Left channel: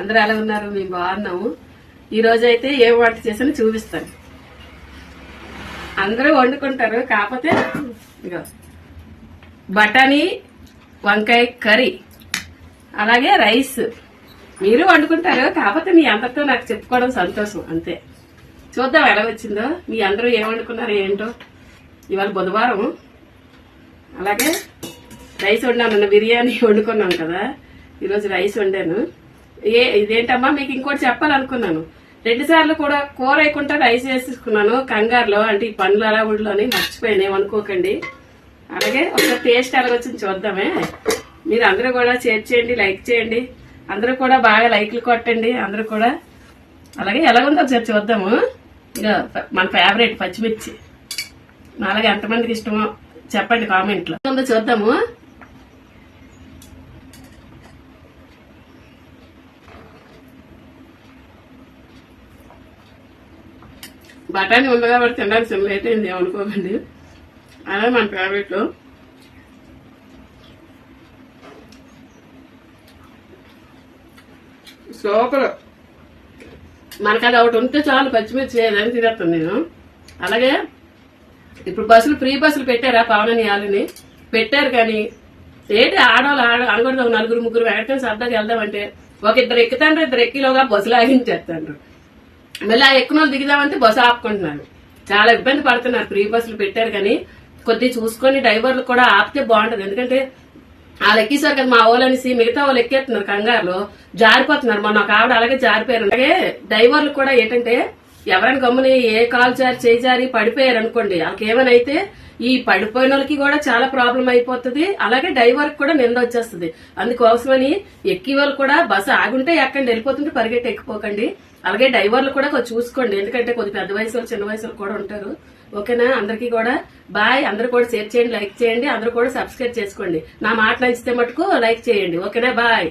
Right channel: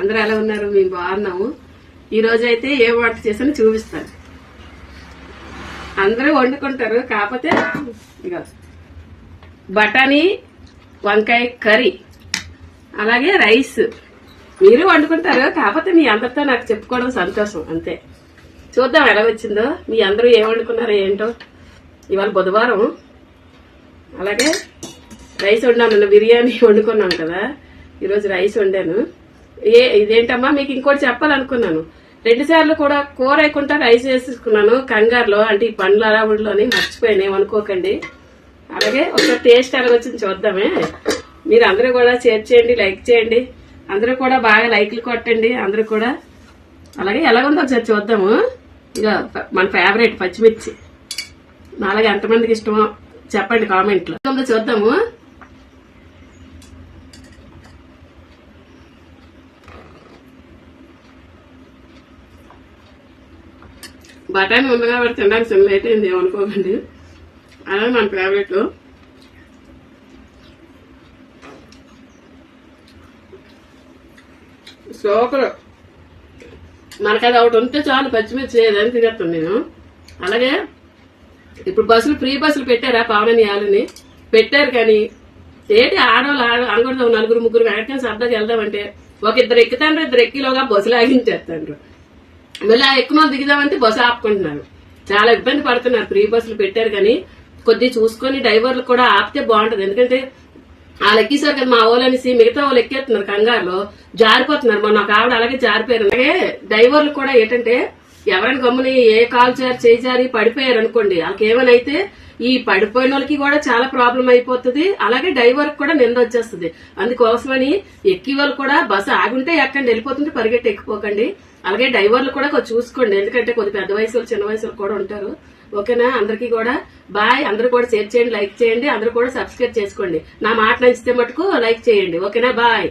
అందరూ ఎలా ఉన్నారు? మేము బాగున్నాము. ఈ రోజు అయితే ఏం వంట చేసానో చూపిస్తాను. అందరూ వండుకుంటారు, కాకపోతే ఇక బఠానీ వంకాయ కర్రీ, అలాగే రైస్. మీరు వండుకుంటారు, కాకపోతే మీ అందరితో నాకు చెప్పుకోవడం సంతోషం అంతే. చూద్దాం ఎలా వచ్చిందో. మీ అందరూ ఏం వండుకున్నారో ఏంటో. ఇవాళ బుధవారం. అలాగే రైస్ వండాను. నిన్న బిర్యానీ వండుకున్నాం కదా, ఈరోజు రైస్ వండాను. ఇదేంటమ్మా మీకు ఇంకోటి చెప్పాలనుకున్నాను. 2 సార్లు కూడా కూర వేయకుండా రైస్ వేసుకున్నాను కంగారులో. అంటే ఈ పండ్ల అరావుడిలోని మర్చిపోయాను, ఏమనుకోకండి. అలాగే ఒకసారి టేస్ట్ ఎలాగొచ్చింది చూద్దామే. మీరు అందరూ కూడా షేర్ చేయండి, లైక్ చేయండి. అందరూ కూడా బాగా లైక్లు కొట్టండి అందరూ కూడా. అలాగే ఎలాగుందో ఒకసారి చూద్దాము. ఇక మన ఫేవరెట్ పచ్చిమిర్చి. అలాగే ఎంతమందికి ఇష్టమో చెప్పండి కామెంట్లో. ఉందో చూద్దాము. బఠానీ ఉంది కాబట్టి తినడానికి చిన్న లేట్ అయింది, ఏమనుకోకండి. అదే మన ఫేవరెట్. సూపర్. మనకు అది ఒకటి ఉంటే చాలు, పచ్చిమిర్చి ఏదని తినేస్తాను నేను. అలాగే ఇప్పుడు ఫ్రీ బస్సులు పెట్టారా, పవననియాలని పెట్టారు. కానీ ఏంటి ఆడవాళ్ళు అనకూడదు, 4-3 వెంటనే సరదాగా వెళ్దామంటే ఒక 2 ఎక్కుతాండ్రు, 2 ఎక్కిలోగా బస్సులు ఆగించేస్తాండ్రు. మళ్ళీ ఆ ఎక్కువ వాళ్ళు దిగుదామంటే బస్సు ఆపుకుంటున్నారు. చాలా ఇబ్బంది పడుతున్నారు. ఫ్రీ బస్సులు పెట్టారు కానీ కొద్దిగా చూసుకొని డ్రైవర్లు కూడా ఆపితే బాగుంటది. ఎందుకంటే వాళ్ళు ఎక్కేసారు కదా మా వాళ్ళనేసి మిగతా వాళ్ళు ఎక్కేస్తున్నారు, కంగారులో జారిపోతున్నారు. మొన్న ఒక ఆవిడ అలాగే జారిపోయారు. అలాగే డ్రైవర్లు కూడా ఏంటంటే ఎవరైనా గమ్ముని ఏ కాలు చేయి జారి పడిపోయారు అనుకోండి, వాళ్ళకి ఏమైనా అయితే ఈ పడిపోయిన వాళ్ళకి కూడా చాలా ప్రాబ్లం అయిపోతుంది. అలాగే డ్రైవర్ కూడా నింద వచ్చేస్తుంది. అందుకోసమని ఎక్కి వాళ్ళు కూడా బస్సు ఆగుంటే ఎక్కండి, వెళ్ళిపోతుంటే పరిగెట్టి ఎక్కిపోకండి. అలాగే డ్రైవర్లు కూడా కొంచెం చూసుకోండి, ఎందుకంటే కొద్ది పెద్ద వయసులో చిన్న వయసులో కూడా ఉంటారు. ఓకేనా? అందరికీ కూడా బాయ్. అందరూ కూడా షేర్ చేయండి, లైక్ చేయండి. అందరూ కూడా సబ్స్క్రైబ్ చేసుకోండి. నా మాట నచ్చితే మటుకు లైక్ చేయండి. ఓకేనా? బాయ్.